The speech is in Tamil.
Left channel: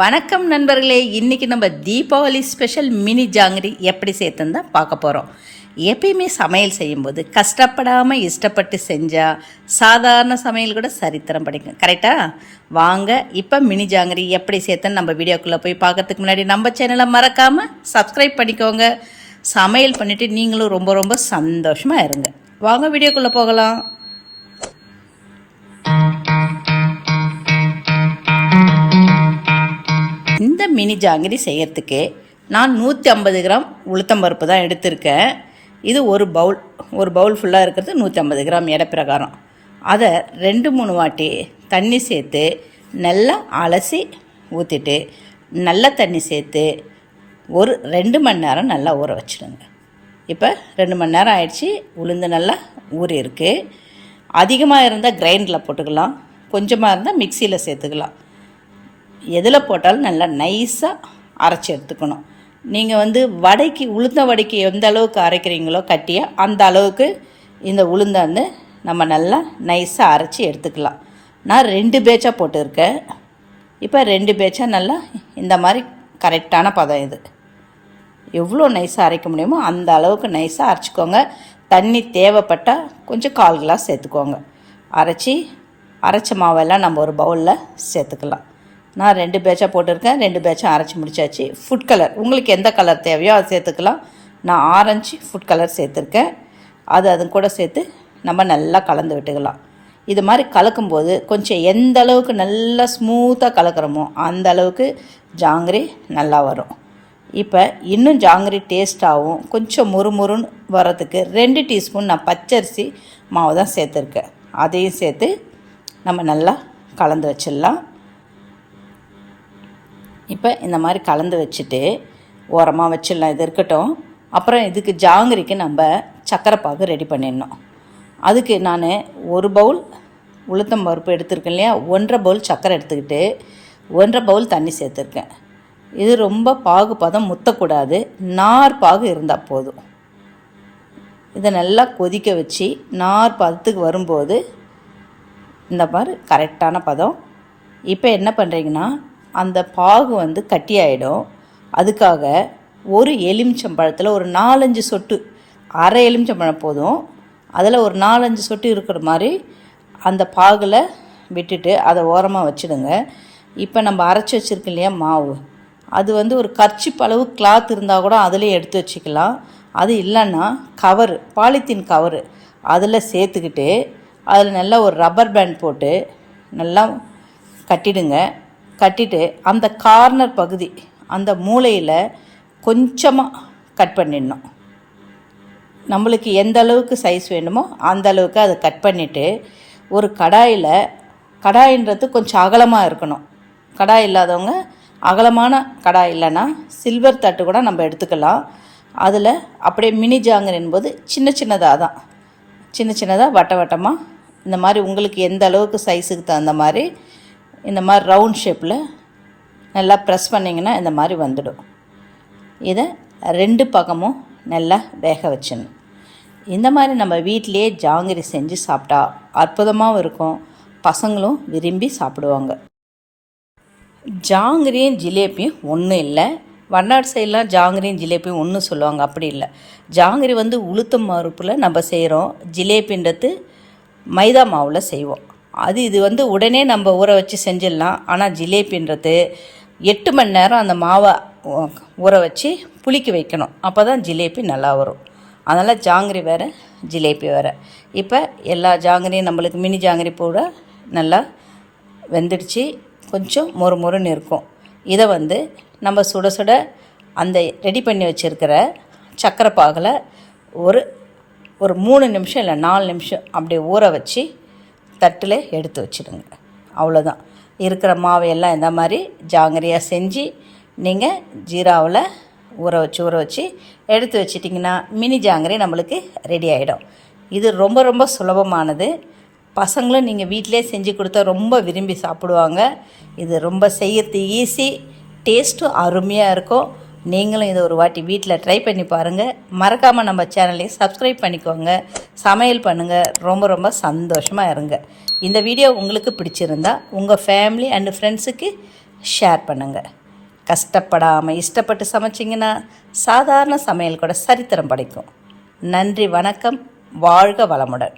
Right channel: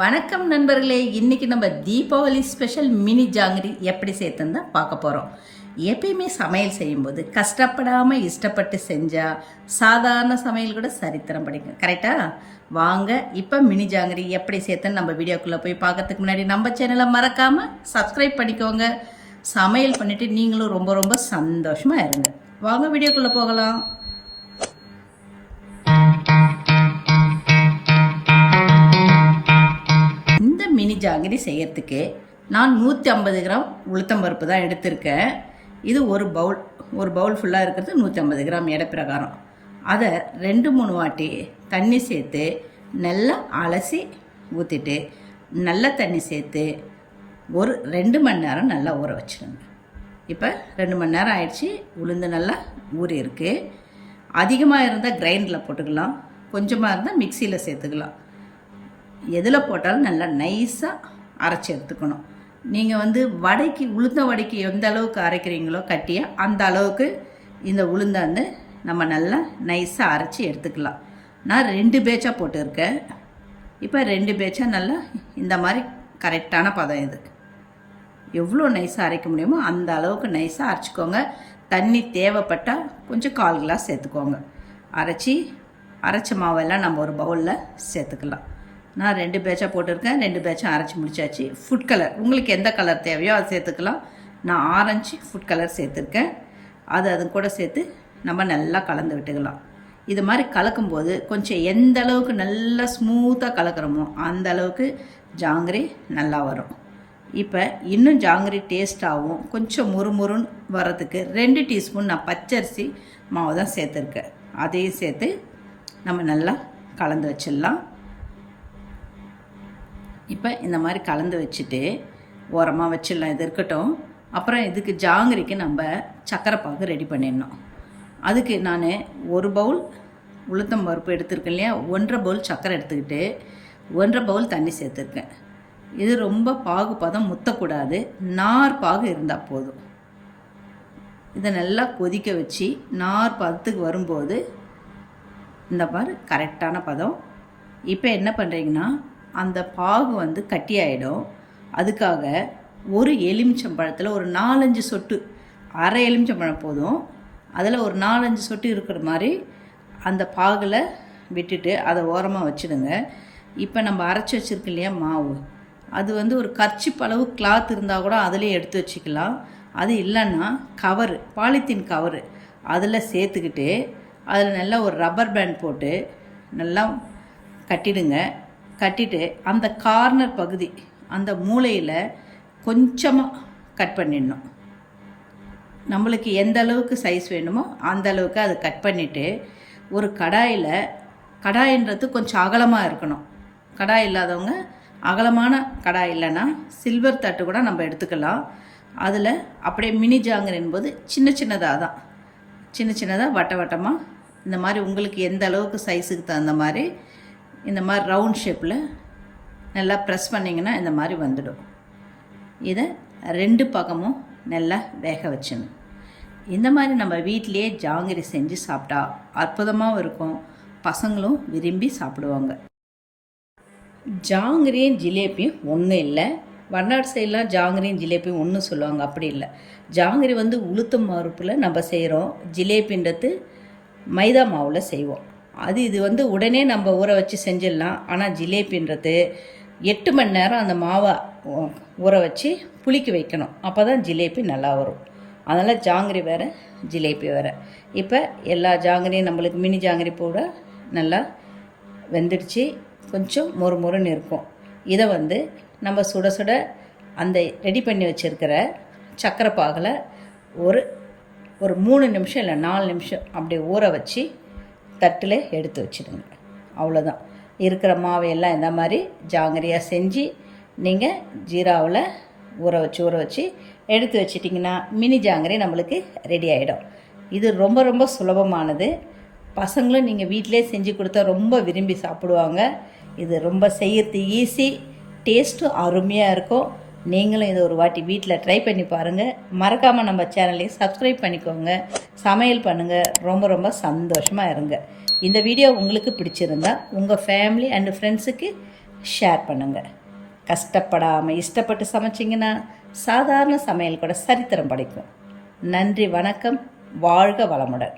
வணக்கம் நண்பர்களே இன்றைக்கி நம்ம தீபாவளி ஸ்பெஷல் மினி ஜாங்கிரி எப்படி சேர்த்துன்னு தான் பார்க்க போகிறோம் எப்பயுமே சமையல் செய்யும்போது கஷ்டப்படாமல் இஷ்டப்பட்டு செஞ்சால் சாதாரண சமையல் கூட சரித்திரம் படிக்கும். கரெக்டாக வாங்க இப்போ மினி ஜாங்கிரி எப்படி சேர்த்துன்னு நம்ம வீடியோக்குள்ளே போய் பார்க்கறதுக்கு முன்னாடி நம்ம சேனலை மறக்காமல் சப்ஸ்கிரைப் பண்ணிக்கோங்க. சமையல் பண்ணிவிட்டு நீங்களும் ரொம்ப ரொம்ப சந்தோஷமாக இருங்க. வாங்க வீடியோக்குள்ளே போகலாம். மினி ஜாங்கிரி செய்யறதுக்கு நான் நூற்றி ஐம்பது கிராம் உளுத்தம்பருப்பு தான் எடுத்திருக்கேன். இது ஒரு பவுல் ஒரு பவுல் ஃபுல்லாக இருக்கிறது நூற்றி ஐம்பது கிராம் எடை பிரகாரம். அதை ரெண்டு மூணு வாட்டி தண்ணி சேர்த்து நல்லா அலசி ஊற்றிட்டு நல்ல தண்ணி சேர்த்து ஒரு ரெண்டு மணி நேரம் நல்லா ஊற வச்சிடுங்க இப்போ ரெண்டு மணி நேரம் ஆயிடுச்சு உளுந்து நல்லா ஊறிருக்கு அதிகமாக இருந்தால் கிரைண்டரில் போட்டுக்கலாம் கொஞ்சமாக இருந்தால் மிக்சியில் சேர்த்துக்கலாம். எதில் போட்டாலும் நல்லா நைஸாக அரைச்சி எடுத்துக்கணும். நீங்கள் வந்து வடைக்கு உளுந்த வடைக்கு எந்த அளவுக்கு அரைக்கிறீங்களோ கட்டியாக அந்த அளவுக்கு இந்த உளுந்தை வந்து நம்ம நல்லா நைஸாக அரைச்சி எடுத்துக்கலாம். நான் ரெண்டு பேச்சாக போட்டிருக்கேன். இப்போ ரெண்டு பேட்சாக நல்லா இந்த மாதிரி கரெக்டான பதம் இது. எவ்வளோ நைஸாக அரைக்க முடியுமோ அந்த அளவுக்கு நைஸாக அரைச்சிக்கோங்க. தண்ணி தேவைப்பட்டால் கொஞ்சம் கால் கிளாஸ் சேர்த்துக்கோங்க. அரைச்சி அரைச்ச மாவெல்லாம் நம்ம ஒரு பவுலில் சேர்த்துக்கலாம். நான் ரெண்டு பேட்சாக போட்டிருக்கேன் ரெண்டு பேட்சாக அரைச்சி முடிச்சாச்சு. ஃபுட் கலர் உங்களுக்கு எந்த கலர் தேவையோ அதை சேர்த்துக்கலாம். நான் ஆரஞ்சு ஃபுட் கலர் சேர்த்துருக்கேன். அது அது கூட சேர்த்து நம்ம நல்லா கலந்து விட்டுக்கலாம். இது மாதிரி கலக்கும்போது கொஞ்சம் எந்த அளவுக்கு நல்லா ஸ்மூத்தாக கலக்கிறோமோ அந்த அளவுக்கு ஜாங்கிரி நல்லா வரும். இப்போ இன்னும் ஜாங்கிரி டேஸ்ட்டாகவும் கொஞ்சம் முறுமுறுன்னு வரதுக்கு ரெண்டு டீஸ்பூன் நான் பச்சரிசி மாவு தான் சேர்த்துருக்கேன். அதையும் சேர்த்து நம்ம நல்லா கலந்து வச்சிடலாம். இப்போ இந்த மாதிரி கலந்து வச்சுட்டு ஓரமாக வச்சிடலாம். இது இருக்கட்டும். அப்புறம் இதுக்கு ஜாங்கிரிக்கு நம்ம சக்கரை பாகு ரெடி பண்ணிடணும். அதுக்கு நான் ஒரு பவுல் உளுத்தம் பருப்பு எடுத்திருக்கேன் இல்லையா? ஒன்றரை பவுல் சக்கரை எடுத்துக்கிட்டு ஒன்றரை பவுல் தண்ணி சேர்த்துருக்கேன். இது ரொம்ப பாகு பதம் முத்தக்கூடாது. நார் பாகு இருந்தால் போதும். இதை நல்லா கொதிக்க வச்சு நார் பதத்துக்கு வரும்போது இந்த மாதிரி கரெக்டான பதம். இப்போ என்ன பண்ணுறீங்கன்னா அந்த பாகு வந்து கட்டியாயிடும். அதுக்காக ஒரு எலுமிச்சம்பழத்தில் ஒரு நாலஞ்சு சொட்டு அரை எலுமிச்சம்பழம் போதும். அதில் ஒரு நாலஞ்சு சொட்டு இருக்கிற மாதிரி அந்த பாகில் விட்டுட்டு அதை ஓரமாக வச்சுடுங்க. இப்போ நம்ம அரைச்சி வச்சுருக்கோம் இல்லையா மாவு. அது வந்து ஒரு கர்ச்சிப் அளவு கிளாத் இருந்தால் கூட அதிலே எடுத்து வச்சுக்கலாம். அது இல்லைன்னா கவரு பாலித்தீன் கவரு அதில் சேர்த்துக்கிட்டு அதில் நல்லா ஒரு ரப்பர் பேண்ட் போட்டு நல்லா கட்டிடுங்க. கட்டிட்டு அந்த கார்னர் பகுதி அந்த மூலையில் கொஞ்சமாக கட் பண்ணிடணும். நம்மளுக்கு எந்த அளவுக்கு சைஸ் வேணுமோ அந்த அளவுக்கு அதை கட் பண்ணிவிட்டு ஒரு கடாயில் கடாயின்றது கொஞ்சம் அகலமாக இருக்கணும். கடாய் இல்லாதவங்க அகலமான கடாய் இல்லைன்னா சில்வர் தட்டு கூட நம்ம எடுத்துக்கலாம். அதில் அப்படியே மினி ஜாங்கரின் போது சின்ன சின்னதாக தான். சின்ன சின்னதாக வட்ட வட்டமாக இந்த மாதிரி உங்களுக்கு எந்த அளவுக்கு சைஸுக்கு தகுந்த மாதிரி இந்த மாதிரி ரவுண்ட் ஷேப்பில் நல்லா ப்ரெஸ் பண்ணிங்கன்னா இந்த மாதிரி வந்துடும். இதை ரெண்டு பக்கமும் நல்லா வேக வச்சிடணும். இந்த மாதிரி நம்ம வீட்டிலையே ஜாங்கிரி செஞ்சு சாப்பிட்டா அற்புதமாகவும் இருக்கும். பசங்களும் விரும்பி சாப்பிடுவாங்க. ஜாங்கிரியும் ஜிலேபியும் ஒன்றும் இல்லை. வண்ணாடு சைடெலாம் ஜாங்கிரியும் ஜிலேபியும் ஒன்று சொல்லுவாங்க. அப்படி இல்லை. ஜாங்கிரி வந்து உளுத்தம் மறுப்பில் நம்ம செய்கிறோம் ஜிலேபின்றது மைதா மாவில் செய்வோம். அது இது வந்து உடனே நம்ம ஊற வச்சு செஞ்சிடலாம். ஆனால் ஜிலேபின்றது எட்டு மணி நேரம் அந்த மாவை ஊற வச்சு புளிக்க வைக்கணும். அப்போ தான் ஜிலேபி நல்லா வரும். அதனால் ஜாங்கிரி வேறு ஜிலேபி வேறு. இப்போ எல்லா ஜாங்கிரியும் நம்மளுக்கு மினி ஜாங்கிரி கூட நல்லா வெந்துடுச்சு. கொஞ்சம் மொறு மொறுன்னு இருக்கும். இதை வந்து நம்ம சுட சுட அந்த ரெடி பண்ணி வச்சுருக்கிற சக்கரை பாகில் ஒரு ஒரு மூணு நிமிஷம் இல்லை நாலு நிமிஷம் அப்படியே ஊற வச்சு தட்டில் எடுத்து வச்சிடுங்க. அவ்வளோதான். இருக்கிற மாவையெல்லாம் இந்த மாதிரி ஜாங்கிரியாக செஞ்சு நீங்கள் ஜீராவில் ஊற வச்சு ஊற வச்சு எடுத்து வச்சிட்டிங்கன்னா மினி ஜாங்கிரி நம்மளுக்கு ரெடி ஆகிடும் இது ரொம்ப ரொம்ப சுலபமானது. பசங்களும் நீங்கள் வீட்டிலே செஞ்சு கொடுத்தா ரொம்ப விரும்பி சாப்பிடுவாங்க. இது ரொம்ப செய்யறது ஈஸி டேஸ்ட்டும் அருமையாக இருக்கும். நீங்களும் இதை ஒரு வாட்டி வீட்டில் ட்ரை பண்ணி பாருங்கள் மறக்காமல் நம்ம சேனலையும் சப்ஸ்கிரைப் பண்ணிக்கோங்க. சமையல் பண்ணுங்கள் ரொம்ப ரொம்ப சந்தோஷமாக இருங்க. இந்த வீடியோ உங்களுக்கு பிடிச்சிருந்தா உங்கள் ஃபேமிலி அண்ட் ஃப்ரெண்ட்ஸுக்கு ஷேர் பண்ணுங்கள் கஷ்டப்படாமல் இஷ்டப்பட்டு சமைச்சிங்கன்னா சாதாரண சமையல் கூட சரித்திரம் படைக்கும். நன்றி வணக்கம். வாழ்க வளமுடன்.